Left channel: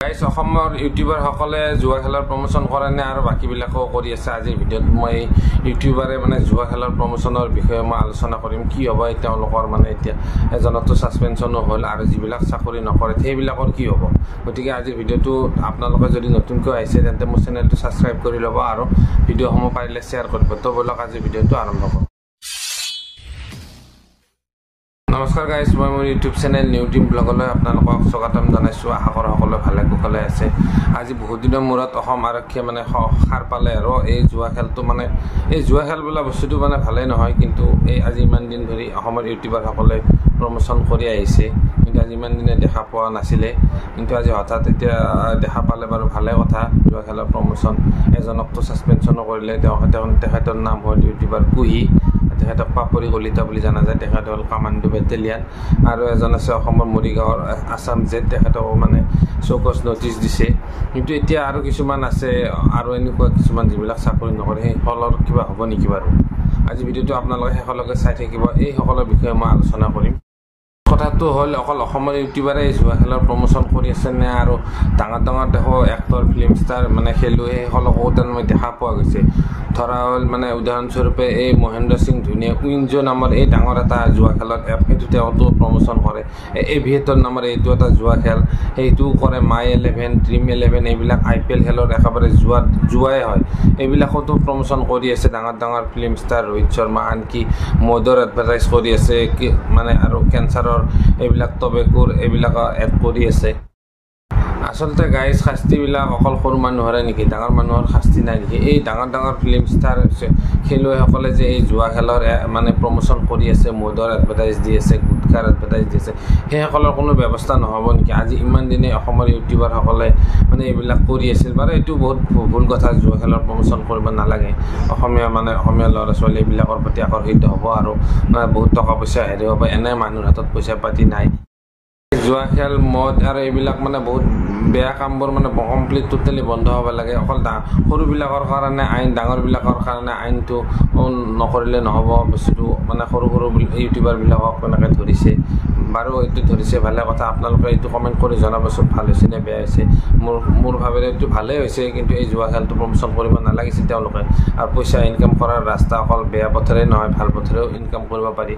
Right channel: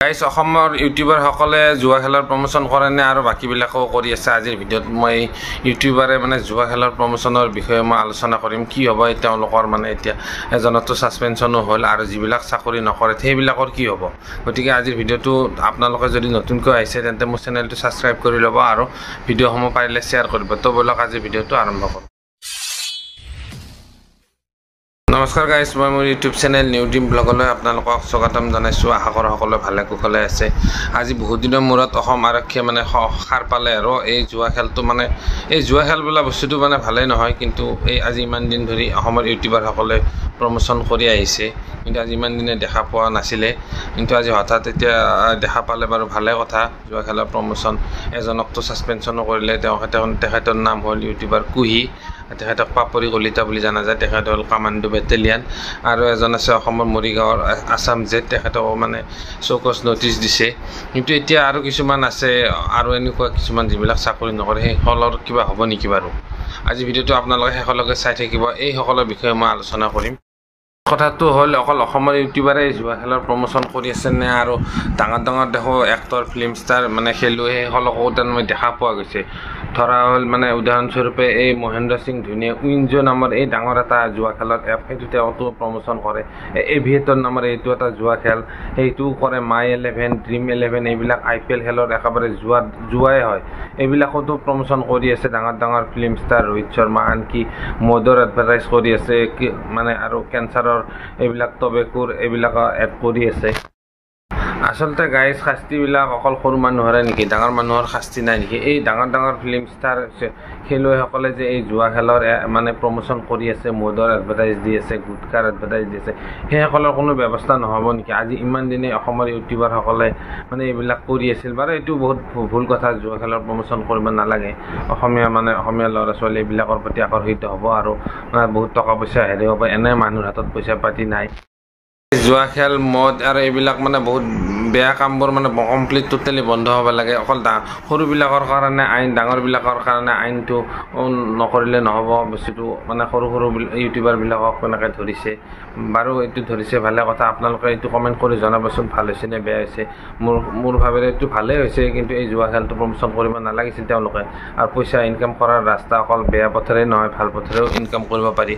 guys অসমৰ YouTuber সকলে জুৱা খেলৰ প্ৰমোচন কৰে নে আৰু বাকি বিলাকও কৰি আছে আজিৰ ভিডিঅ'ত মই ইউটিউবাৰে মানে জুৱা খেলৰ প্ৰমোচনৰ বিষয়ে মই আলোচনা কৰিম কি হ'ব তেওঁলোকৰ মানে এতিয়া এজনতো সাসপেনশনো হ'ল আৰু যিবিলাক চাকৰি নকৰে সেইবিলাকৰ কি হ'ব গতিকে আজিৰ ভিডিঅ'টো আপোনালোকে যদি নতুনকৈ আহিছে তেন্তে মোৰ চেনেলটো সাবস্ক্ৰাইব কৰি ল'ব আৰু ভিডিঅ'সমূহ পাৰিলে শ্বেয়াৰ কৰিব তো বলক আজি ভিডিঅ'টো আৰম্ভ কৰোঁ নমস্কাৰ গাইস মই মোৰ ইউটিউব চেনেল নিউ টিম ব্লগলৈ আপোনালোকক স্বাগতম জনাইছো আশা কৰো সকলো ভালে কুশলে আছে আজি বহুত দিনৰ মূৰত অসম আৰক্ষীয়ে মানে খাৰ পালে আৰু এই জুৱা খেলটো মানে এই জুৱা খেল বলা বস্তুটো মানে ভালে নহয় কিন্তু এই আজি ইমান দিন ধৰি অসমৰ ইউটিউবাৰ সকলে প্ৰমোচন কৰি আহিছে কিন্তু আজি ইমান দিনে দেখা পোৱা নাছিলে কিন্তু আজি হঠাৎ এতিয়া দেখা পালে বাৰু ভালে কথা জুৱা খেলৰ প্ৰমোচন এজনকটো সাসপেনশনো কৰিলে তেখেতৰ নাম হ'ল ইউটিউবাৰ কুহি তেখেতক পাপৰি কলিতা বুলি জানা যায় তেখেত হ'ল কামাণ্ডো বেটেলিয়ান আৰু এজন আছে অসমৰ মৰিগাঁৱৰ আসাম জেট তেখেতক মানে চৌকছ নটিচ দিছে কিন্তু এতিয়া আৰু কিছুমান আছে আৰু এনেকুৱা কিছুমান যিবিলাক চাকৰি নকৰে সেই হলৰ কিবা হ'ব নেকি বাৰু আজি ভিডিঅ'টো আপোনালোকে শেষলৈকে চাই থাকিব এই সকলৰ বিষয়ে মই আলোচনা কৰিম কথাটো হ'ল অকল অসমৰ ইউটিউবাৰে জুৱা খেলৰ প্ৰমোচন কৰি আছে নে আৰু ডাঙৰ দেখো এক্টৰ ফিল্ম ষ্টাৰ মানে খেলুৱৈ সেইসকলকো মই দেখা পোৱা গৈছে ধৰা হ'ল মানে উদাহৰণস্বৰূপে এই মহেন্দ্ৰ সিং ধোনীয়ে উইনজো নামৰ এই ডাঙৰ এটা জুৱা খেলত এইটো তেওঁতো প্ৰমোচন কৰে এভিয়েটৰ নামৰ এইটো এটা জুৱা খেল সেইটোও কৰে মাই 11 ড্ৰিম 11 এইবিলাক IPL খেলৰ একেবাৰে জুৱাই হয় এইবিলাকতো প্ৰমোচন কৰি আছে ডাঙৰ ফিল্ম ষ্টাৰ ৰোহিত শৰ্মা আনকি মদৰ এডভাৰটাইজ কৰি আছে মানে আৰু কেঞ্চাৰৰ এইবিলাক টবেকুৰ এইবিলাক এড কৰি আছে আসলতে গাইস শাস্তিবিলাক অকল সৰু মানুহৰে নেকি ডাঙৰ মানুহৰ শাস্তি নাই নেকি এই ডাঙৰ ফিল্ম ষ্টাৰ খেলুৱৈসকলে যে এই জুৱা খেলৰ মানে প্ৰমোচন কৰি আছে মদৰ এডভাৰটাইজ দি আছে গুটকাৰ এডভাৰটাইজ দি আছে সেইসকলৰ কোনো ব্যৱস্থা নহ'ব নেকি আজি ইমান দিনে অসমৰ ইউটিউবাৰসকলে মানে এইবিলাক কৰি আছিল বাৰু এইটো বহুত ভুল কথা জুৱা খেলৰ প্ৰমোচন কৰিব নালাগে অসমীয়া ল'ৰা ছোৱালী এইবিলাকৰ প্ৰতি আকৰ্ষিত হ'ব আৰু বহুত টকা পইচা হেৰি হ'ব এনে মানুহৰ হাতত পইচা পাতি নাই জুৱা খেল মদ আৰু এইবিলাক মানে বহুত বেয়া কামবোৰ মানে কমপ্লিট টোটেলি বন্ধ হ'ব লাগে অকল সৰুবিলাকৰ কাৰণে আইন ডাঙৰবিলাকৰ কাৰণে আইনটো নকৰিলে নহ'ব বস্তুটো মানে সৰু ইউটিউবাৰবিলাকক এনেকৈ ধৰিছে বাৰু এইটো ধৰিছে ভালে কথা আপোনালোকে এইটো কমেণ্ট কৰি জনাবচোন ভাল হৈছে নে বেয়া হৈছে মোৰ ভাবেৰে এইটো ভালেই হৈছে কিন্তু এই জুৱা খেলটো প্ৰমোচন কৰিব নালাগিছিল তেওঁলোকে আৰু পইচা ইনকাম কৰাৰ ৰাস্তা অকল বেয়া পথেৰে নহয় ভাল পথেৰেও ইনকাম কৰিব পাৰি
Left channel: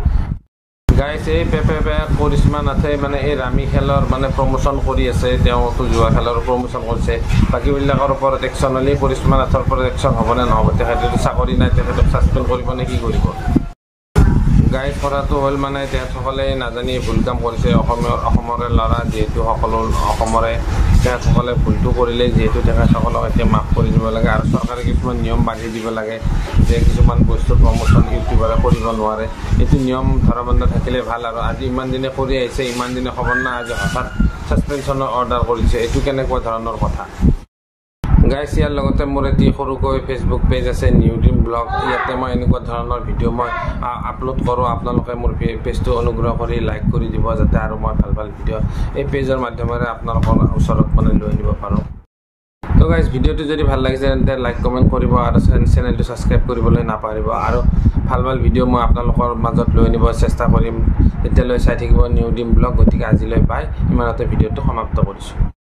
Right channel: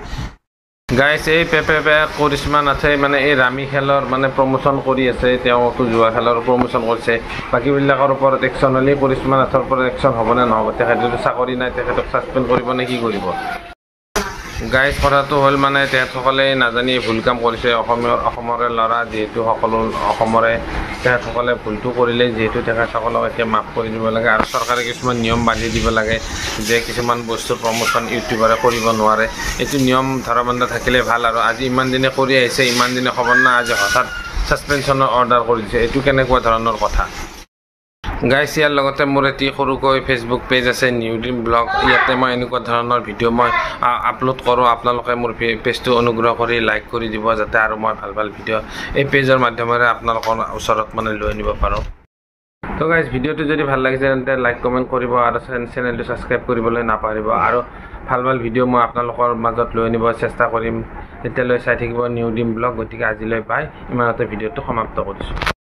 গাইস এই পেপে কৰিশ্মা নাথে মানে এই ৰামি খেলৰ মানে প্ৰমোচন কৰি আছে তেওঁতো জুৱা খেলৰ প্ৰমোচন কৰিছে বাকীবিলাকৰ ওপৰত একশ্যন হ'লে কৰিশ্মা নাথৰ ওপৰত একশ্যন হ'বনে নহ'ব তেখেতেতো চাকৰি নাই তেখেতক সাসপেণ্ড কৰিব নে কি কৰিব গাইস কথাটো হ'ল মানে তেখেতসকলে নাজানি ভুল কাম কৰিছে অসমৰে ল'ৰা যিহেতু সকলো অসমৰে তেখেতসকলে ভুলটো কৰিলে যিহেতু তেখেতসকলক এতিয়া মাফ কৰি দিব লাগে আৰু চৰকাৰে কিছুমান নিয়ম বান্ধি দিব লাগে যে কিছুমান বস্তুৰ প্ৰমোচন ইউটিউবাৰে কৰিব নোৱাৰে এইটো নিয়ম ধৰাবন্ধা থাকিলে ভাল আৰু আজি ইমান দিনে কৰি আহিছে ইমান দিনে খবৰ নাই আজি হঠাৎ সাসপেনশনৰ অৰ্ডাৰ কৰি দিছে এইটো কেনেকুৱা ধৰণৰ কথা গাইস ইয়াৰ লগতে মোৰ এটি সৰুকৈ ফেচবুক পেজ আছে নিউ টিম ব্লগ ইয়াতে মই এনেকুৱা ধৰণৰ ভিডিঅ' মই আপলোড কৰোঁ আপোনালোকে মোৰ পেজটো অনুগ্ৰহ কৰি লাইক কৰি দিব যাতে আৰু মই ভাল ভিডিঅ' এই পেজৰ মাধ্যমেৰে আপোনালোকৰ ওচৰত মানে লৈ আনিব পাৰোঁ তো গাইস ভিডিঅ'টো যদি ভাল লাগিছে তেন্তে লাইক কমেণ্ট কৰিব আৰু চেনেলটো ছাবস্ক্ৰাইব কৰিবলৈ নাপাহৰিব আৰু ভাল ভিডিঅ' মই আপোনালোকৰ মাজত লৈ আনিব চেষ্টা কৰিম তেতিয়ালৈ চাই থাকিব নিউ টিম ব্লগ গতিকে আজিলৈ বাই ইমানতে ভিডিঅ'টো সমাপ্ত কৰিছোঁ